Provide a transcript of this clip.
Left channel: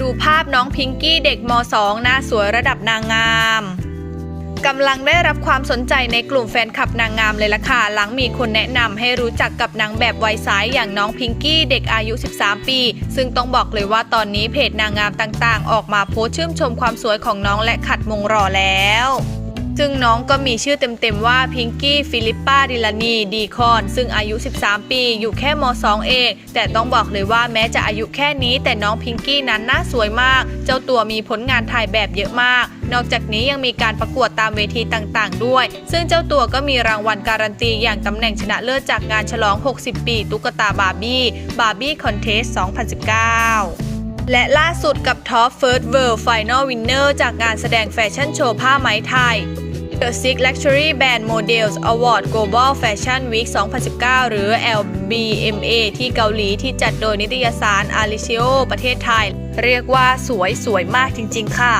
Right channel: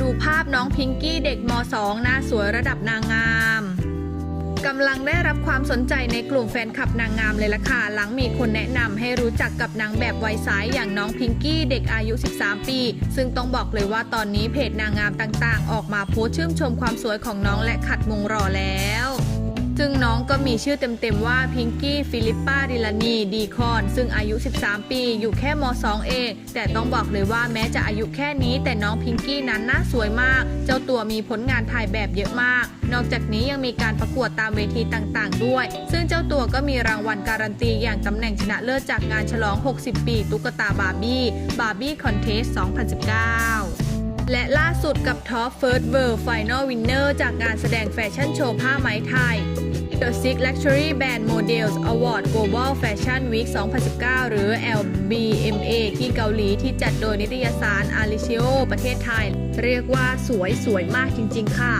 ดูภาพน้องพิงกี้เด็กม .2 หน้าสวยระดับนางงามกำลังได้รับความสนใจในกลุ่มแฟนคลับนางงามเลยล่ะค่ะ หลังมีคนแนะนำให้รู้จักกับนางแบบวัยสายอย่างน้องพิงกี้เด็กอายุ 13 ปี ซึ่งต้องบอกเลยว่าตอนนี้เพจนางงามต่างๆ ออกมาโพสต์ชื่นชมความสวยของน้องและขัดมงรอแล้ว ซึ่งน้องก็มีชื่อเต็มๆว่าพิงกี้ฟิลิปปาดิลานีดีคอน ซึ่งอายุ 13 ปี อยู่แค่ม 2 เอง แต่ต้องบอกเลยว่าแม้จะอายุแค่นี้ แต่น้องพิงกี้นั้นน่าสวยมาก เจ้าตัวมีผลงานถ่ายแบบเยอะมาก นอกจากนี้ยังมีการประกวดตามเวทีต่างๆ ด้วย ซึ่งเจ้าตัวก็มีรางวัลการันตีอย่างตำแหน่งชนะเลิศจากงานฉลอง 60 ปี ตุ๊กตาบาร์บี้บาร์บี้คอนเทส 2019 และล่าสุดกับ Top First World Final Winner จากงานแสดงแฟชั่นโชว์ผ้าไหมไทย The Six Luxury Brand Models Award Global Fashion Week 2019 หรือ LBMA ที่เกาหลีที่จัดโดยนิตยสารอาริเชโอประเทศไทย เรียกว่าสวยสวยมากจริง ๆ ค่ะ